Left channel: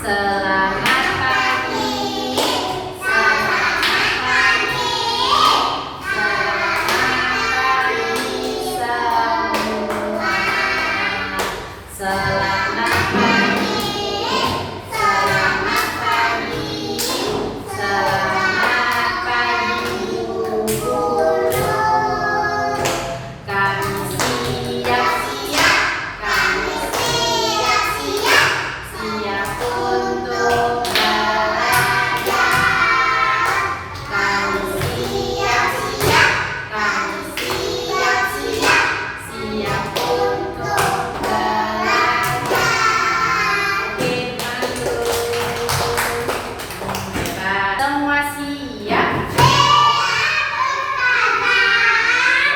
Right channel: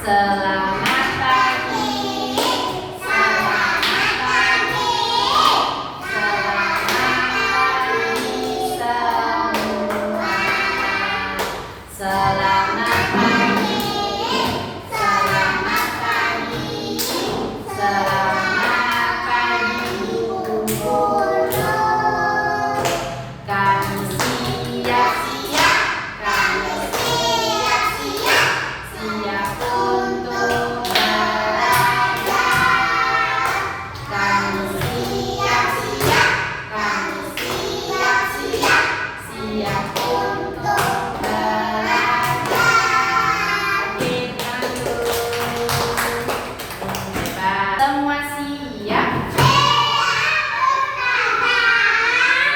Selamat pagi. Selamat pagi. Selamat pagi semua. Selamat pagi. Selamat pagi. Selamat pagi guru. Kami siap-siap. Kami siap-siap. Siap untuk belajar. Kami siap-siap. Kami siap-siap. Siap untuk belajar. Oke, hebat. Semua siap?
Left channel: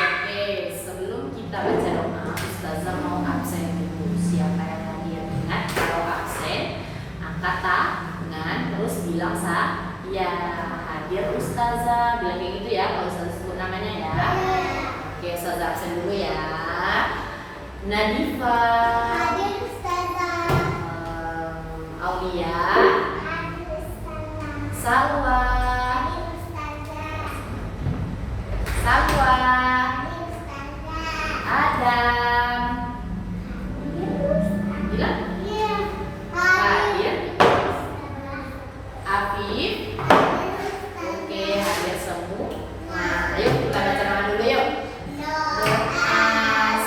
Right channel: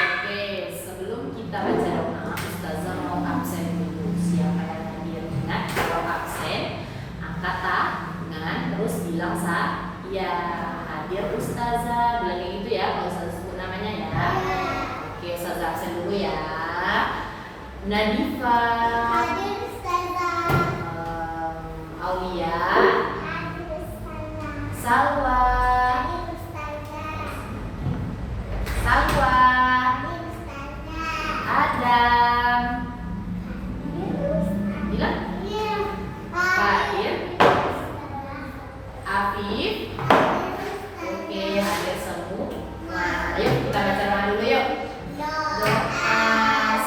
Oke, sebelum kita baca doa, Ustazah mau absen dulu. Siapa yang hadir? Ingat, kalau absen angkat tangan terus bilang ya hadir Ustazah, bilang kayak gitu ya kalau Ustazah sebut namanya ya. Oke, Ustazah absen dulu ya. Nadifa, Aulia, Salwa, Adam, bilang hadir, Afif. Oke, hadir semua. Nah, ayo kita baca doa dulu yuk. Doa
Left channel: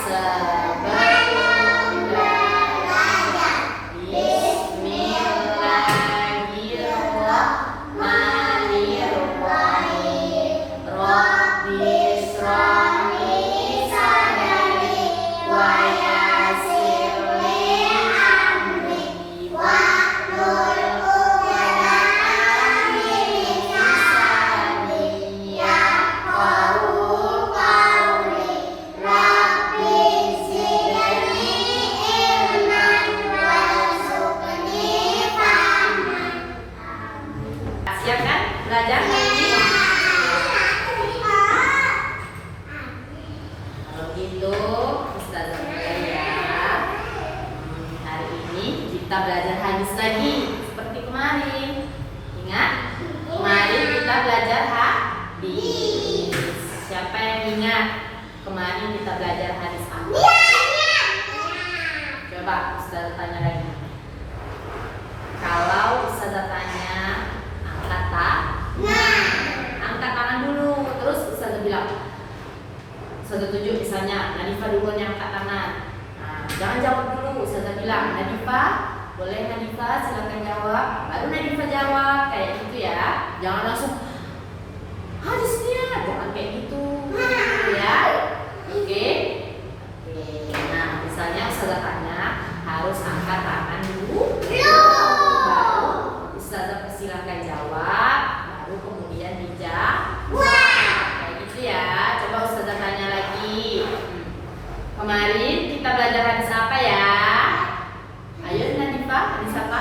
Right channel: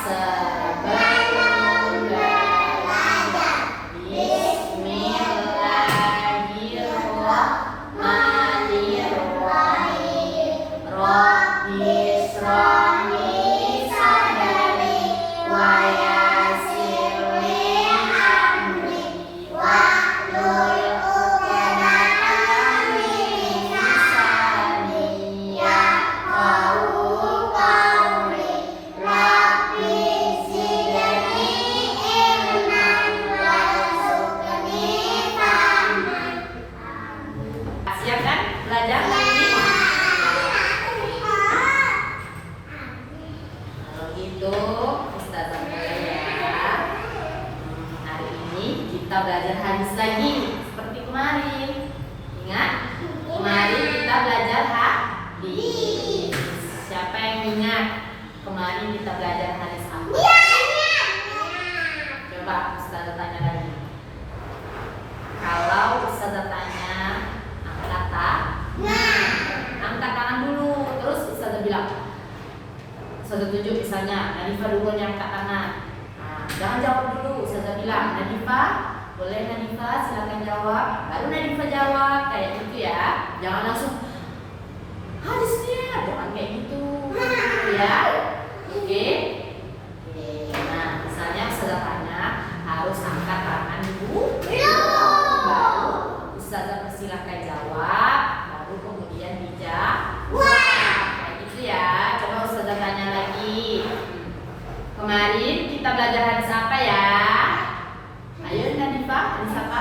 sebelum belajar. Bismillahirrahmanirrahim. Rabbi shrah li sadri wa yassir li amri wahlul 'uqdatam min lisani yafqahu qawli. Rabbi zidni ilman warzuqni fahman. Siap kan belajar hari ini? Kalau gitu Ustazah mulai ya. Hari ini kita belajar hadis lagi seperti kemarin. Ingat? Kemarin kita belajar hadis. Siapa yang ingat? Kemarin kita belajar hadis apa? Coba Ustazah tanya lagi. Kalau Ustazah tanya, angkat tangan dulu. Terus Ustazah bilang, Ustazah tunjuk misalnya Nadifa dulu yang angkat tangan. Nah, jangan jawab dulu. Ustazah bilang, Nadifa, boleh Nadifa silakan jawab. Baru Nadifa jawab kayak gitu ya. Jangan langsung hadisnya, jangan kayak gitu ya. Oke. Nah, misalnya Ustazah tanya, harus angkat tangan dulu. Baru Ustazah persilahkan jawab. Baru kemudian dijawab. Kayak gitu ya. Coba Ustazah tanya lagi. Kemarin kita belajar hadis apa ya? Ayo Nadifa, hadis apa?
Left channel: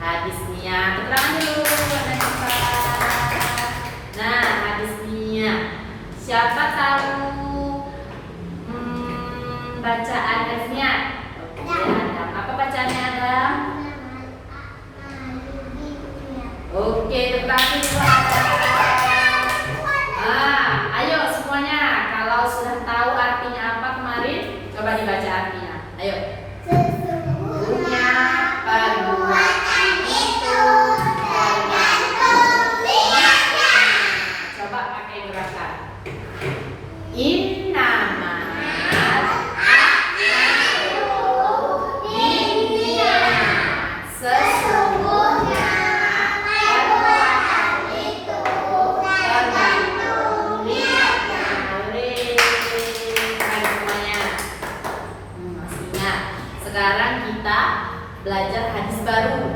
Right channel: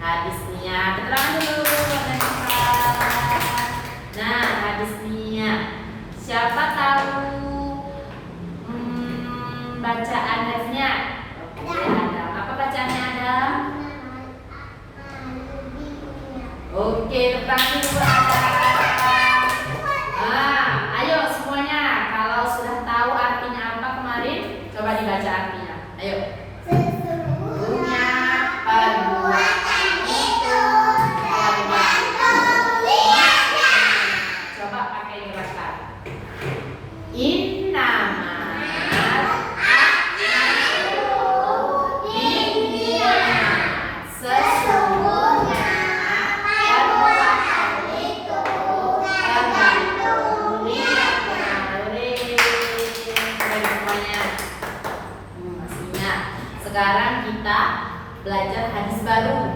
Hadis Nia. Keterangan dulu Nadifa. Nah, hadis Nia. Siapa tahu bacaan hadisnya? Oke, Adam. Apa bacaannya Adam? Oke, tepuk tangan dulu Adam. Ayo semuanya, kalau sudah tahu artinya apa kemarin, coba dibaca artinya. Ayo. Sesungguhnya perbuatan itu tergantung niatnya. Coba pakai gerakan. Innamal a'malu binniyat. Sesungguhnya perbuatan itu tergantung niatnya. Keren semuanya. Masih ingat? Sekarang kita belajar hadis baru.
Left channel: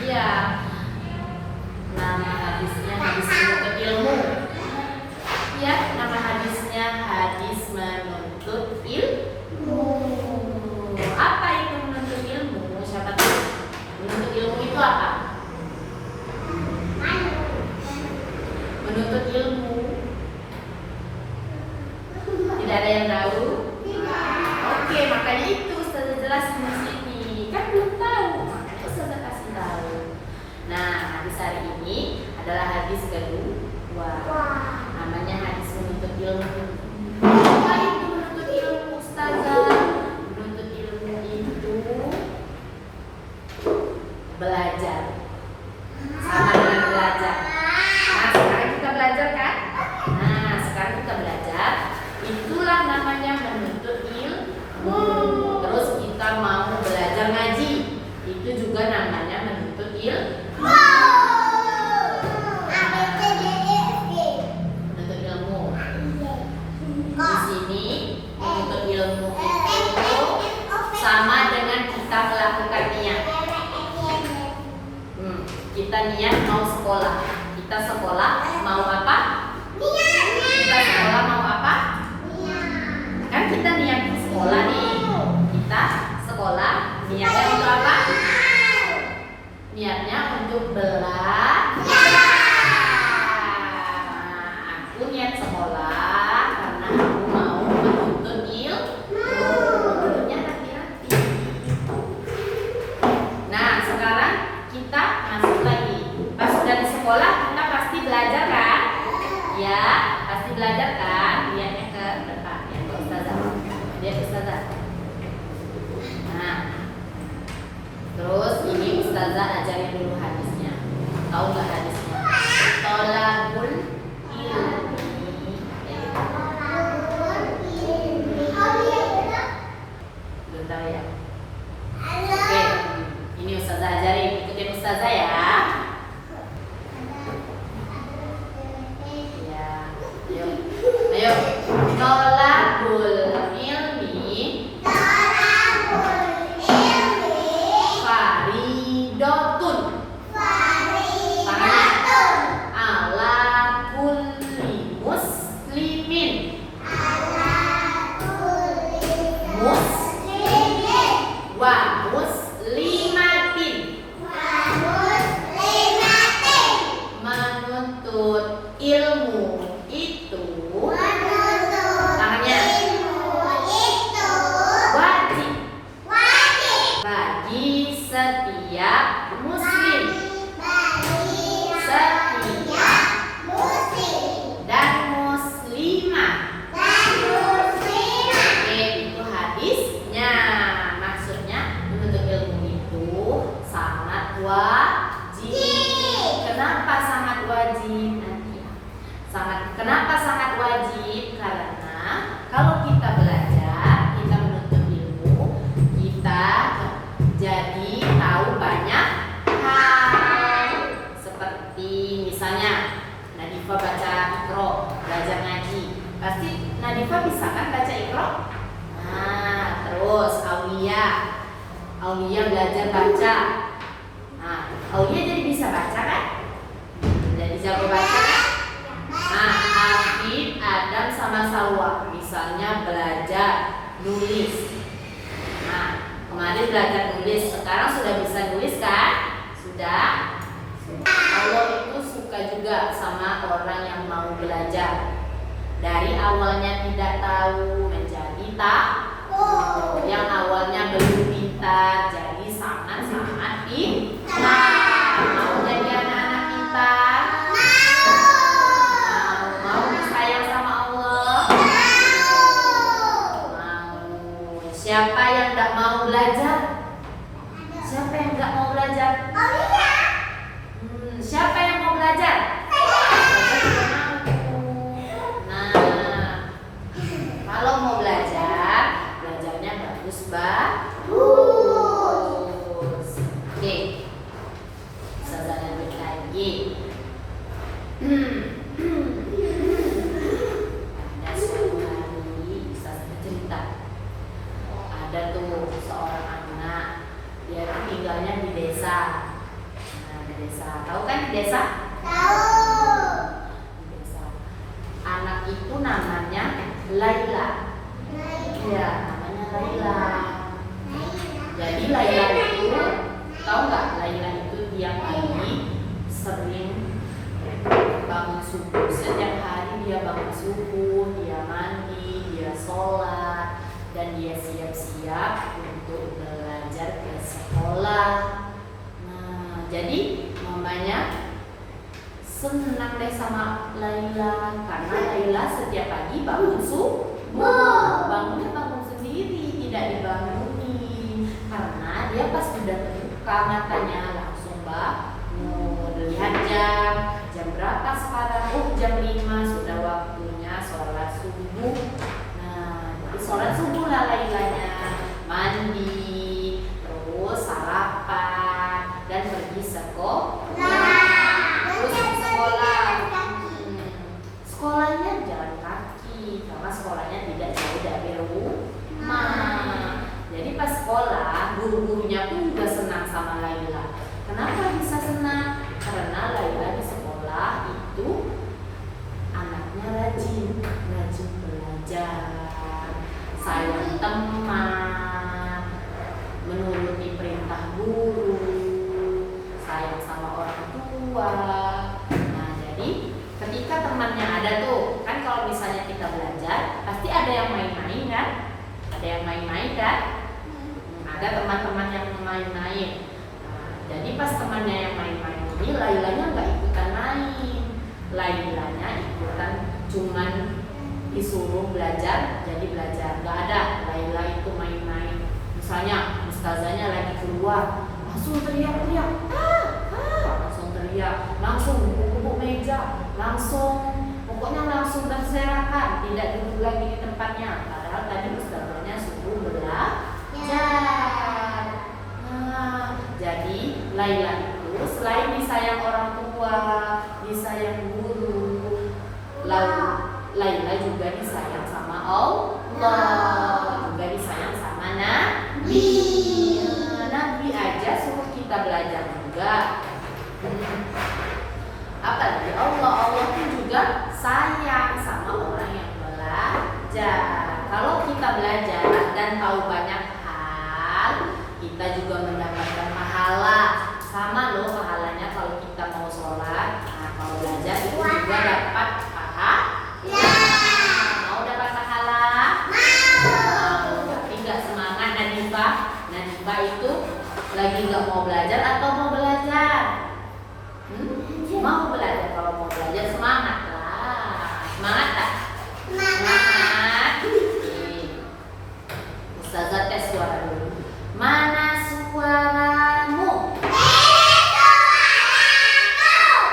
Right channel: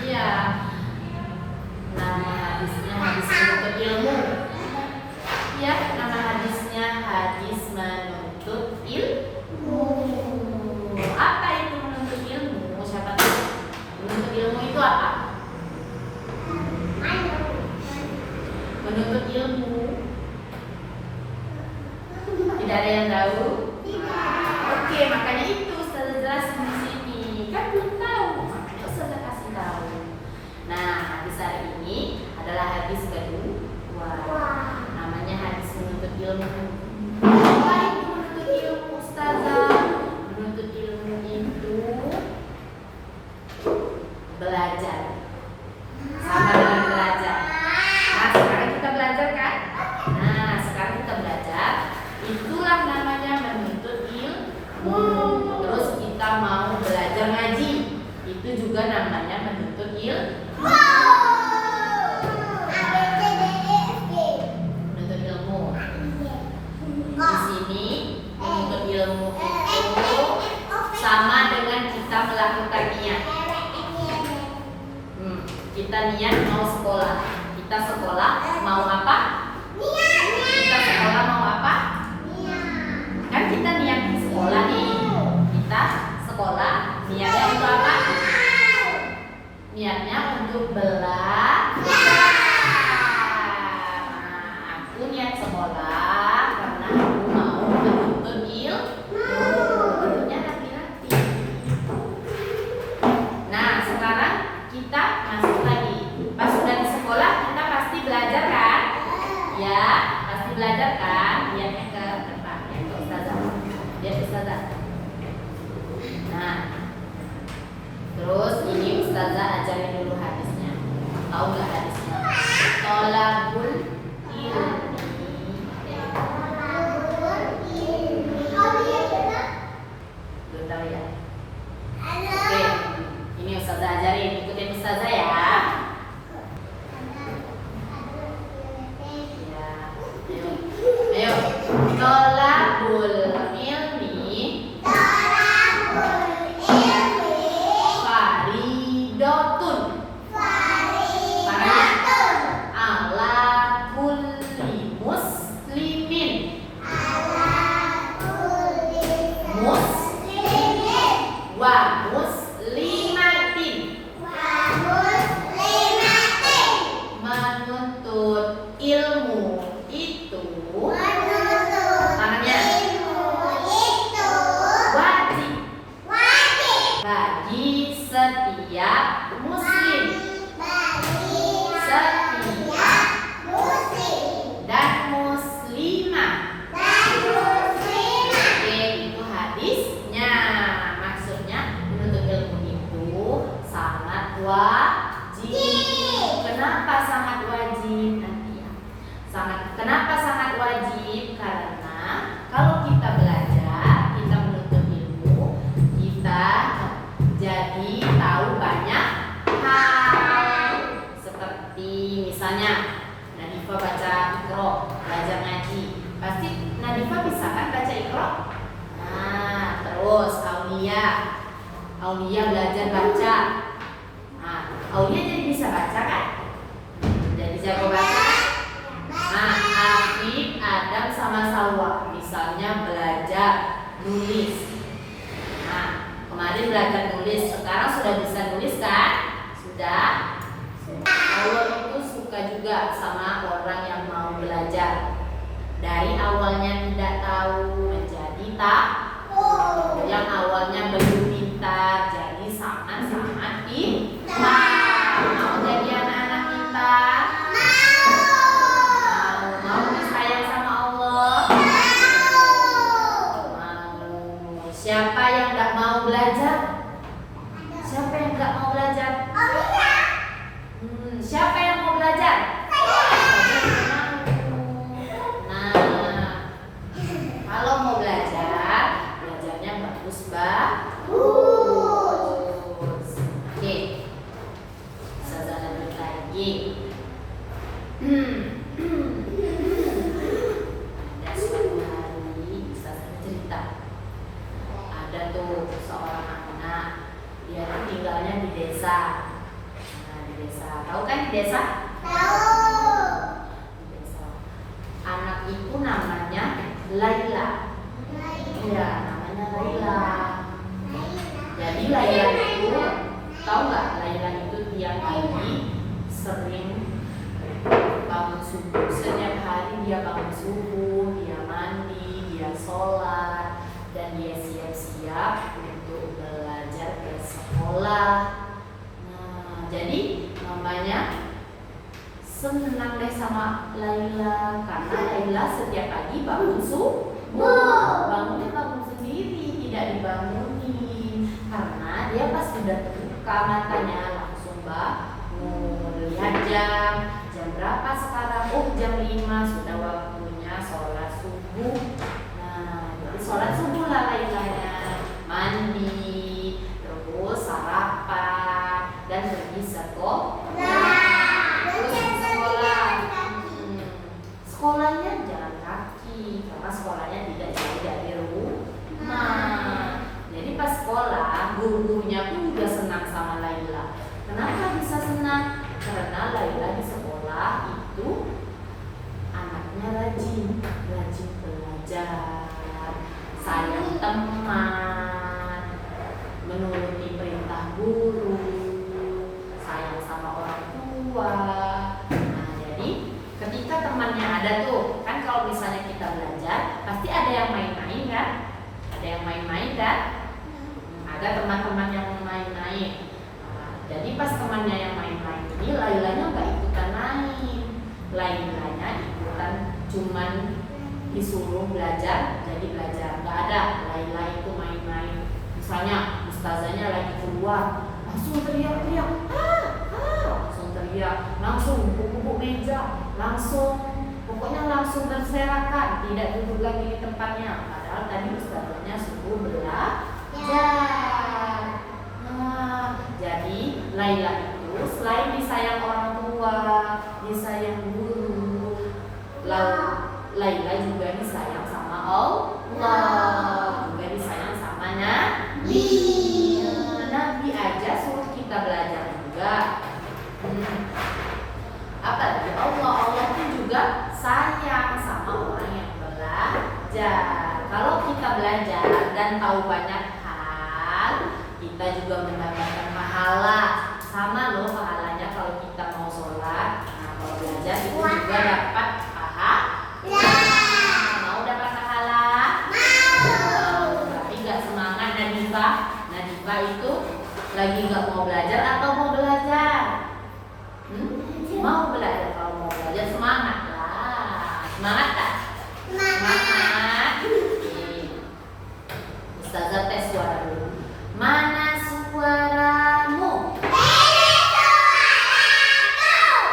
Iya. Nama hadisnya hadis menuntut ilmu. Ya, nama hadisnya hadis menuntut ilmu. Apa itu menuntut ilmu? Siapa tahu? Menuntut ilmu itu apa? Menuntut ilmu. Tidak ada yang tahu? Oke, makanya itu Ustazah jelasin di sini. Kan belum tahu. hadis hari ini adalah hadis kedua. Namanya hadis menuntut ilmu. Apa itu menuntut ilmu, Ustazah? Menuntut ilmu itu belajar. Sama dengan belajar. Nah, sekarang kita belajar kan? Nah, sekarang kita belajar. Itulah namanya menuntut ilmu. Terus kita mau belajar ngaji. Itu juga namanya menuntut ilmu. Menuntut ilmu. Di sini menuntut ilmu itu sama dengan kita melakukan niat. Kita niat mau sekolah. Kita sekolah mau apa? Kita sekolah mau apa? Kan kita niat sekolah nih. Kita sekolah niatnya untuk apa? Niatnya untuk belajar. Nah, aku niat sekolah karena aku mau menuntut ilmu. Ilmunya hati-hati. Nah, sekarang kita masuk lagi. Pas sudah di sekolah kita pasti belajar kan? Ya, pasti belajar kan? Lihatnya ke depan ya, ke Ustazah. Lihat Ustazah. Nah, terus ini Ustazah ajarin dulu hadisnya. Tahu nggak hadisnya? Tolabul ilmi. Belum tahu ya? Oke, ini Ustazah ajarin. Ikutin Ustazah ya. Ya, ayo, ayo. Tolabul ilmi faridotun. Ala kulli muslimin. Wa muslimatin. Menuntut ilmu itu tangannya wajib bagi setiap muslim dan muslimah. Oke, itu hadisnya. Maksudnya menuntut ilmu itu sangat wajib. Kenapa sangat wajib? Nanti ya. Kenapa sangat wajib? Karena kalau kita belajar, kita menuntut ilmu, kita jadi tahu banyak hal. Seperti misalnya Nadifa baca Iqra, belajar ngaji. Pasti Nadifa bisa kan baca Iqra? Nah, terus Aulia belajar baca. Nah, Aulia jadi bisa baca kan? Jadi jago baca kan? Nah, Afid, Adam sama Salwa misalnya belajar nulis. Nah, kemarin belajar nulis, sekarang sudah bisa nulis kan? Sudah. Allah itu suka juga sama orang yang mau belajar. Dari awalnya tidak tahu menjadi tahu. Yang awalnya belum pintar jadi sangat-sangat pintar. Mau jadi anak-anak pintar? Mau disayang sama Allah? Mau. Siapa yang tidak mau belajar? Siapa yang tidak mau belajar? Siapa yang mau belajar? Nah, kalau mau belajar, belajarnya bagus. Oke, Ustazah lanjut lagi. Ada suatu hari Ustazah cerita. Ada tuh seorang anak, dia tinggalnya di desa. Tahu kan di desa? Di desa. Anak itu namanya Laila. Iya, namanya Laila. Jadi Laila itu, tahu nggak? Laila itu tiap hari sering bangun subuh. Setiap hari dia bangun subuh, dia mandi, dia sholat, dan dia siap-siap untuk belajar ke sekolah. Jadi mamanya senang deh sama Laila karena Laila setiap pagi bangun subuh. Bangunnya bangun sendiri, tidak dibangunin. Karena dia pas sudah terbuka matanya langsung bangun. Lihat jam berapa sekarang? Oh, jam 5 sudah waktunya sholat subuh. Nah, jadi sholat subuh lah Lailanya, mandi, terus sarapan dan pergi sekolah. Terus di sekolah, sekolahnya jalan kaki karena sekolahnya tidak jauh dari rumah. Jadi pas sekolah, guru-gurunya pun juga senang sama Laila. Kenapa bisa senang? Karena Laila di sekolah itu anaknya rajin belajar, sayang teman, menuruti perintah guru, sayang sama orang tua. Nah, jadi ketika temannya ada tuh, kan kalau misalnya kita belajar, pasti ada yang main-main kan? Ada yang main-main kan? Ada teman-teman yang main-main. Jadi pas temannya yang main-main ini, Lailanya nggak ikutan main. Lailanya ikutan cuman disuruh belajar, jadi belajar. Nggak ada Laila itu main-main. Misalnya ustazanya lagi keluar, langsung teriak-teriak, langsung teriak, langsung gebuk-gebuk meja, pokoknya langsung berserakan, tidak duduk lagi di tempatnya. Padahal tadi ustazanya suruh belajar. Jadi Laila itu selain disayang orang tua, disayang guru, lalu Laila juga disayang sama Allah, juga disayang sama Nabi. Nabi aja suruh kita belajar juga. Apalagi Allah pun juga sayang sama orang yang belajar. Kalau kita belajar dan tahu banyak hal, kita juga mendapatkan pahala. Sama loh pahalanya kalau kita mau sholat. Nah, kalau belajar itu juga dapat pahala. Mau dapat pahala? Mau. Tapi gak semangat Nadifa. Nadifa itu lagi gak mau belajar atau mau belajar? Mau belajar. Kalau mau belajar semangat lah. Semangat tak? Semangat. Ustazah tes suara dulu. Mana suaramu?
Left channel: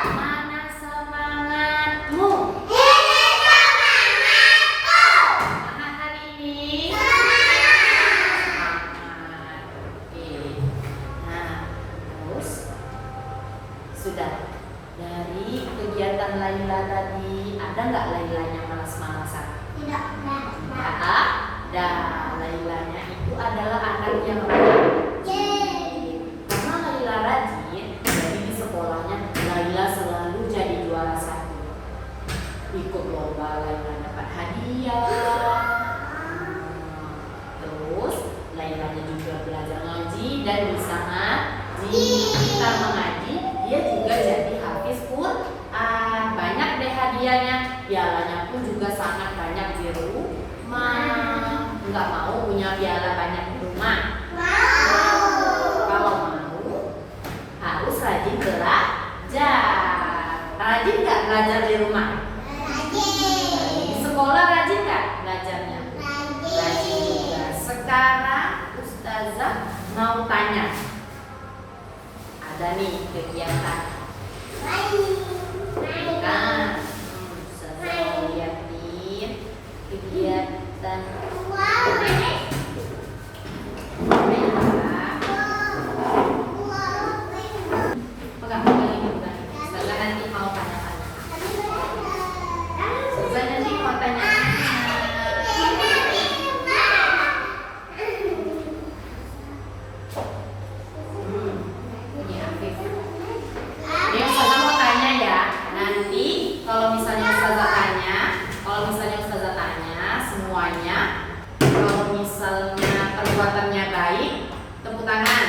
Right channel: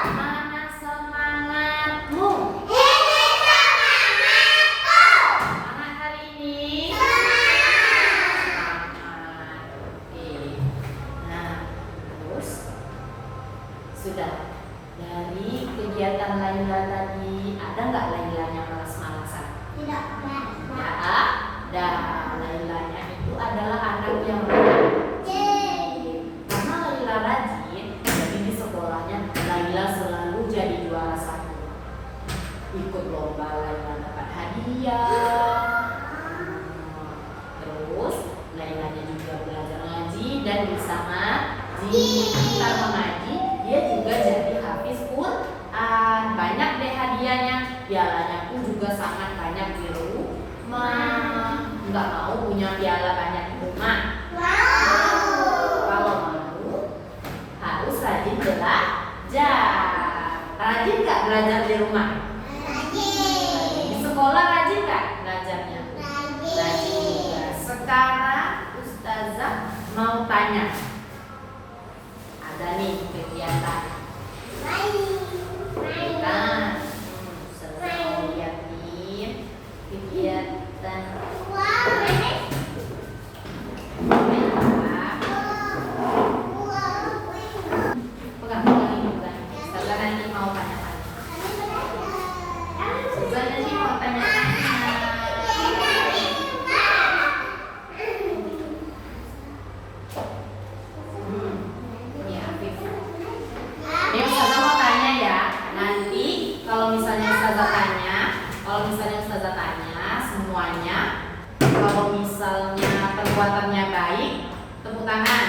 Mana semangatmu? Semangat hari ini? Semangat. Oke. Nah, terus sudah dari kegiatan Laila tadi, ada nggak Lailanya malas-malasan? Tidak ada. Lailanya itu adalah anak yang rajin. Karena Laila rajin, jadi di sekolahnya Laila selalu jadi juara 1. Ikut lomba Laila dapat hadiah. Terus Lailanya juga belajar ngaji dan bisa ngaji. Pintar mengaji, dia juga jadi hafiz Quran. Banyak deh hadiahnya. Pialanya pun juga sangat banyak di rumah. Nggak mau punya piala banyak di rumah. Kalau mau harus rajin belajar. Rajin nggak belajar di rumah? Di sekolah rajin nggak belajarnya? Rajin juga. Sekarang Ustazah mau tanya. Ada nih kegiatan. Kan? Ustazah mau liatin kegiatan. Pegang ini bukan. Ustazah nanti mau tanya-tanya. Ustazah nanti mau tanya-tanya. Ini Afif. Ini Ustazah mau tanya ya. Nanti kalau misalnya Ustazah tanya semuanya. Kalau misalnya perbuatannya baik, tepuk tangan.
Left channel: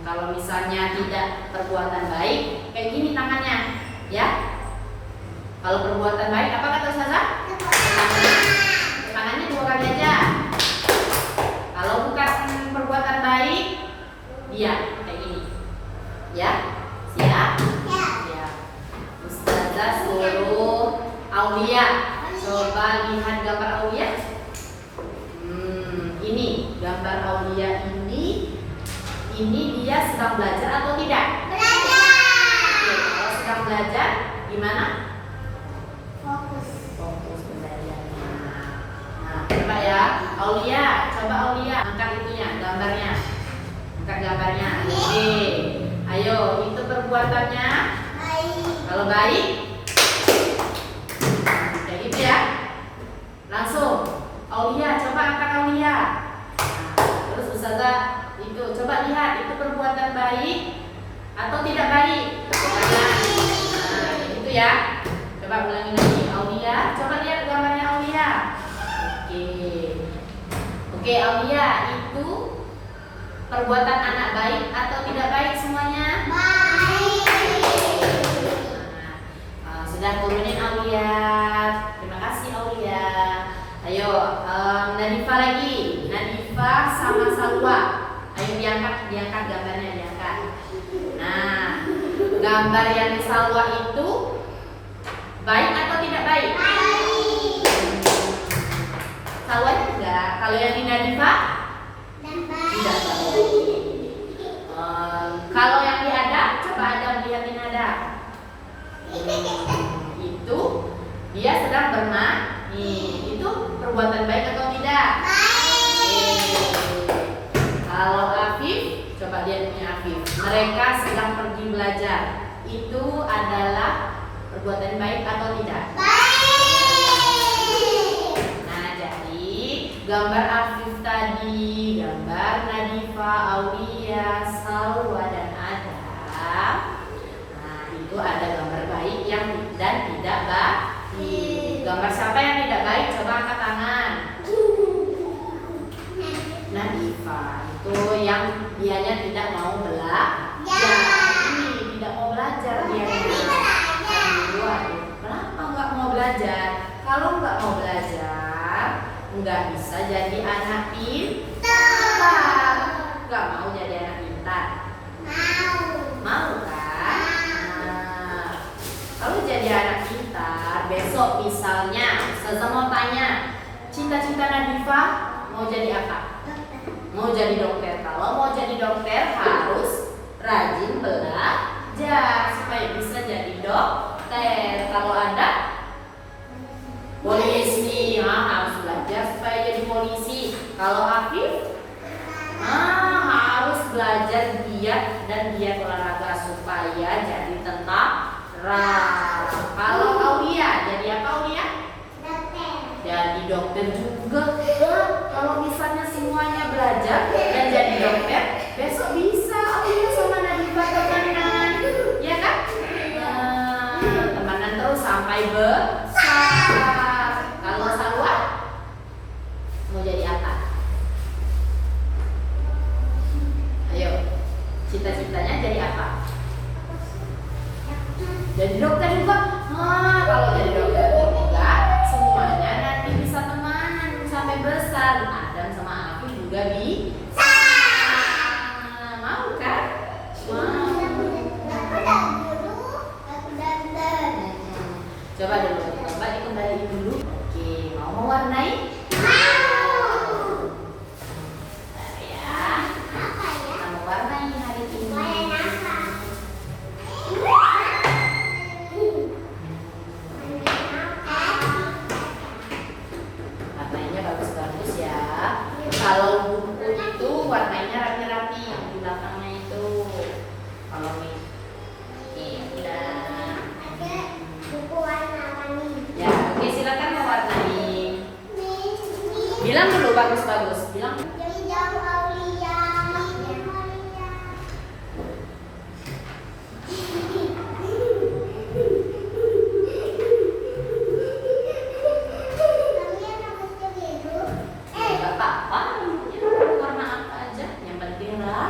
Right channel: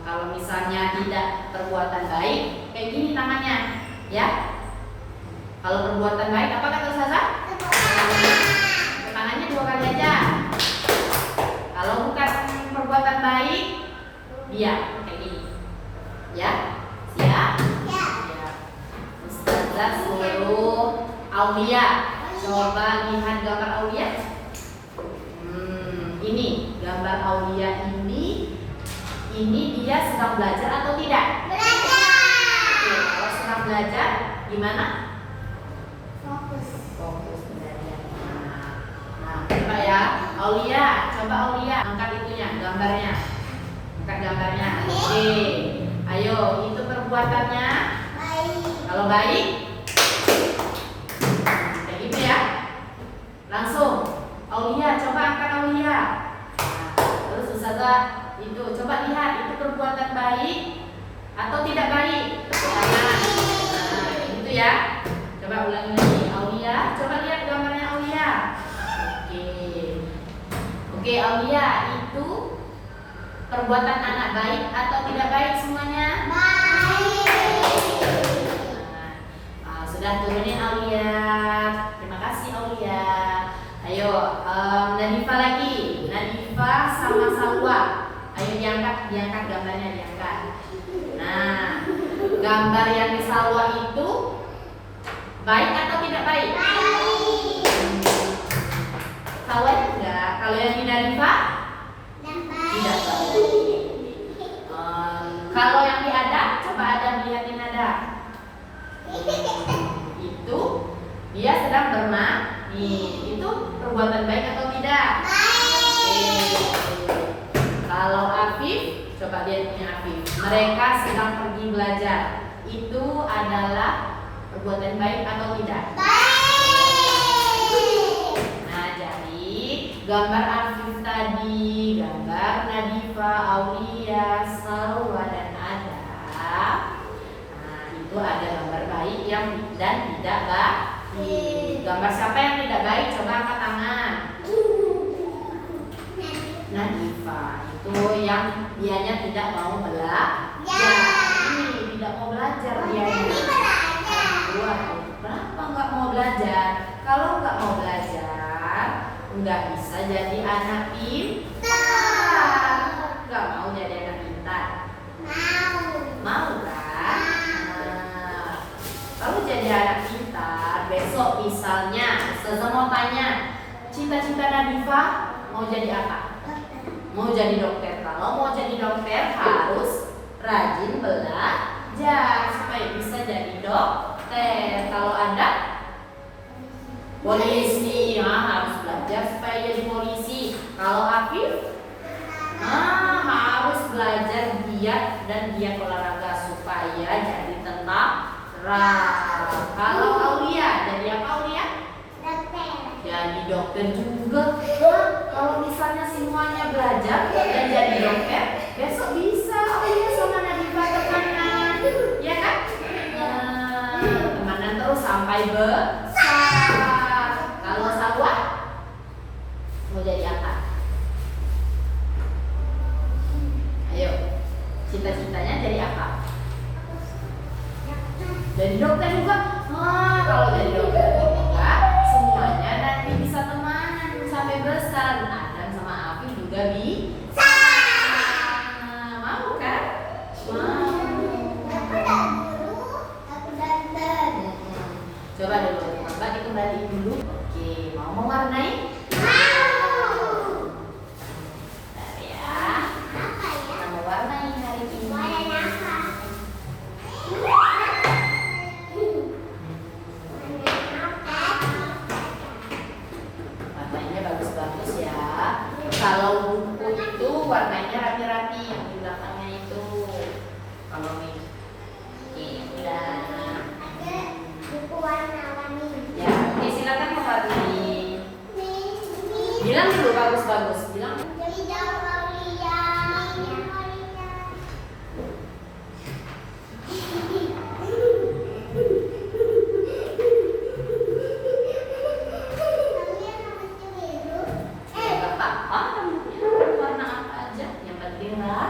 Kalau misalnya tidak perbuatan baik, kayak gini tangannya, ya. Kalau perbuatan baik, apa kata Ustazah? Tangannya 2 kali aja. Kalau bukan perbuatan baik, diam kayak gini, ya. Siap? Ya. Coba lihat gambar Aulia. Ini gambar Aulia ini dia sedang belajar atau tidak? Belajar. Oke, kalau sedang belajar gimana? Fokus belajarnya. Nah, coba ya, Aulia, angkat itunya, gambarnya. Angkat gambarnya. Oke. Ayo, itu perbuatannya. Kalau baik, kayak gitu ya. Langsung, Aulia, coba angkat Aulia. Nah, terus Ustazah itu coba lihat itu perbuatan baik atau tidak baik. Nah, gitu ya. Coba ulangi lagi, Aulia. Coba lihat gambarnya Aulia. Oke, Aulia, itu perbuatan anak baik atau tidak baik semuanya? Baik. Sudah turunin Aulia. Terima kasih Aulia. Ayo, Nadifa lagi. Nadifa sama Salwa. Ayo diangkat gambarnya diangkat. Nah, gambar yang di Salwa itu baik atau tidak baik? Baik. Salwa enggak. Kalau yang di Nadifa? Tidak baik. Kalau yang di Adam, coba Adam lihatin Adam. Itu dia sedang bermain. Itu perbuatan baik atau tidak? Baik. Kalau Afif, coba lihat punya Afif. Mereka sedang pergi belajar. Itu adalah perbuatan baik atau tidak? Baik. Nah, jadi gambar Afif tadi, gambar Nadifa, Aulia, Salwa dan Adam. Nah, itu ada gambar baik yang dan tidak baik. Gambar siapa yang tidak baik? Coba angkat tangan. Nadifa itu yang dianya tidak mau belajar. Ini tidak mau belajar dianya. Kenapa nggak mau belajar? Kalau nggak mau belajar, nggak bisa jadi anak pintar. Nggak mau jadi anak pintar. Mau kan? Nah, kalau jadi anak pintar, besok misalnya Ustazah mau tanya, cita-cita Nadifa mau jadi apa? Mau jadi dokter. Kalau mau jadi dokter harus rajin belajar supaya bisa jadi dokter. Kalau ada polisi, harus belajar supaya jadi polisi. Kalau Afif, harus belajar giat dan giat olahraga supaya jadi tentara. Kalau Aulia, jadi apa Aulia? Jadi dokter juga. Kalau misalnya semuanya belajar dan jadi dokter, besok bisa Aulia sama Nadifa temanan, ya kan? Temanan terus sampai besar. Kalau Salwa mau jadi apa? Ayo, cita-citanya jadi apa? Jadi dokter juga. Kalau jadi dokter juga semuanya nanti bisa temanan sampai besar. Adam sama Afif juga bisa. Mau kan? Mau. Coba dulu, coba dikembaliin dulu. Oke, mau mewarnai? Ya. Kita mewarnai hari ini. Warnanya bagus-bagus ya. Kalau buku itu warnanya rapi-rapi yang di belakangnya itu. Kalau ini, udah. Buku warna-warni. Ya, oke silakan mewarnai. Bilang dulu bagus-bagus. Bilang. Jadi jauh Aulia. Gak apa-apa, warna apa aja. Yang penting lah.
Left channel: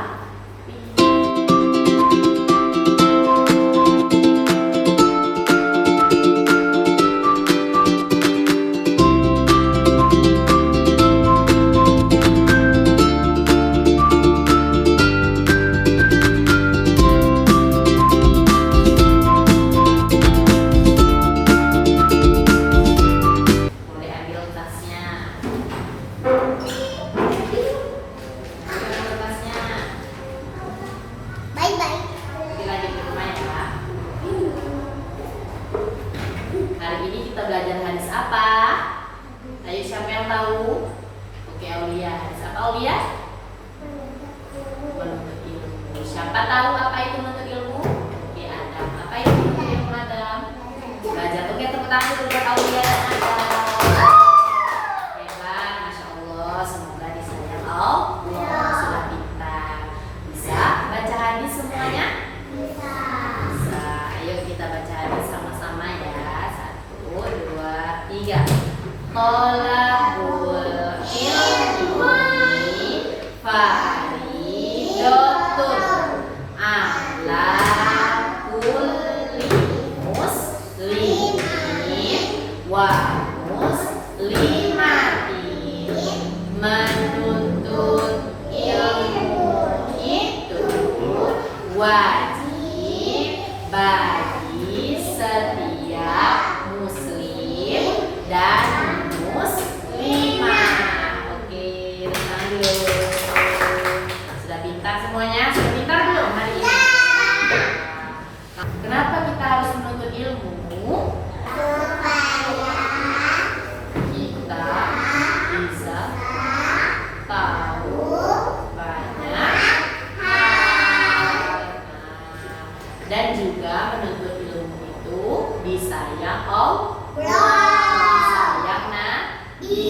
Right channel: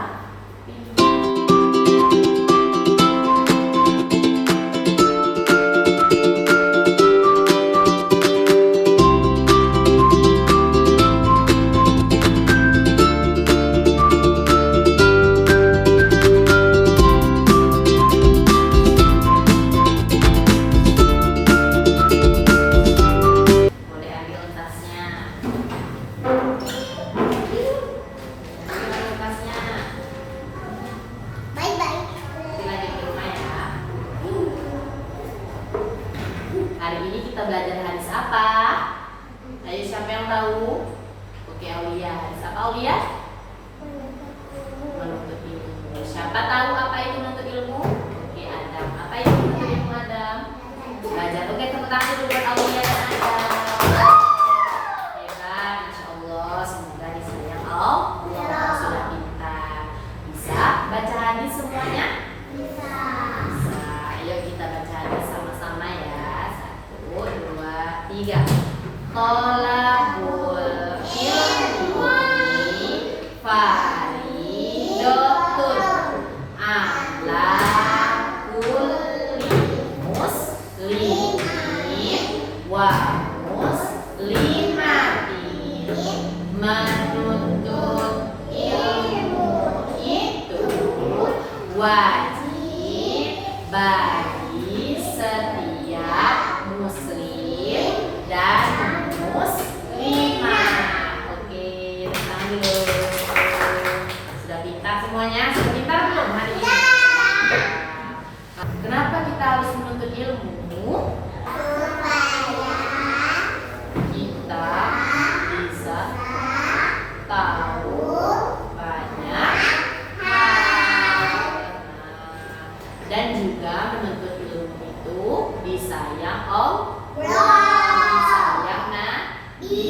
Siapa Aulia? Menuntut ilmu. Siapa tahu apa itu menuntut ilmu? Oke, Adam. Apa itu menuntut ilmu, Adam? Belajar. Oke, tepuk tangan dulu buat Aulia dan Adam. Hebat, Masya Allah. Semoga disayang Allah. Sudah pintar. Bisa baca hadis semuanya? Bisa. Ayo kita baca hadis sama-sama ya. 1, 2, 3. Tolabul ilmi faridatun ala kulli muslimin wa muslimatin. Menuntut ilmu itu wajib bagi setiap muslim dan muslimah. Oke, tenang dulu. Sudah pintar semuanya? Sudah pintar belum hari ini? Kenapa kita harus menuntut ilmu? Kita bisa tahu banyak hal. Dan juga menuntut ilmu itu disayang disayang Nabi.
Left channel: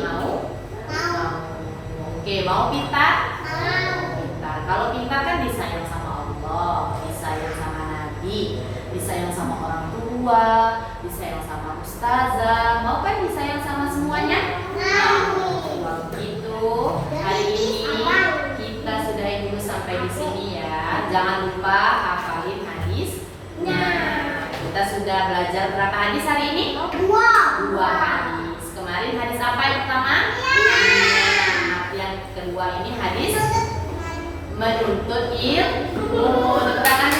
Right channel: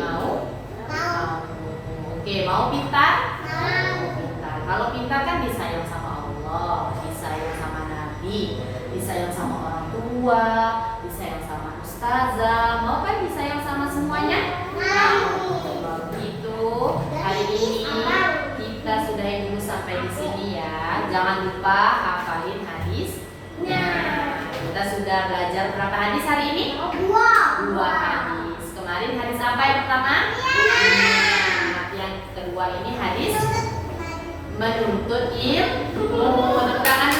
Mau? Oke, mau pintar? Pintar. Kalau pintar kan disayang sama Allah, disayang sama Nabi, disayang sama orang tua, disayang sama ustazah. Mau kan disayang sama semuanya? Kalau gitu, hari ini kita sudahi dulu sampai di sini ya. Jangan lupa hafalin hadisnya. Kita sudah belajar berapa hadis hari ini? 2 hadis. Kemarin hadis apa yang pertama? Yang kedua ini hadis menuntut ilmu. Tepuk tangan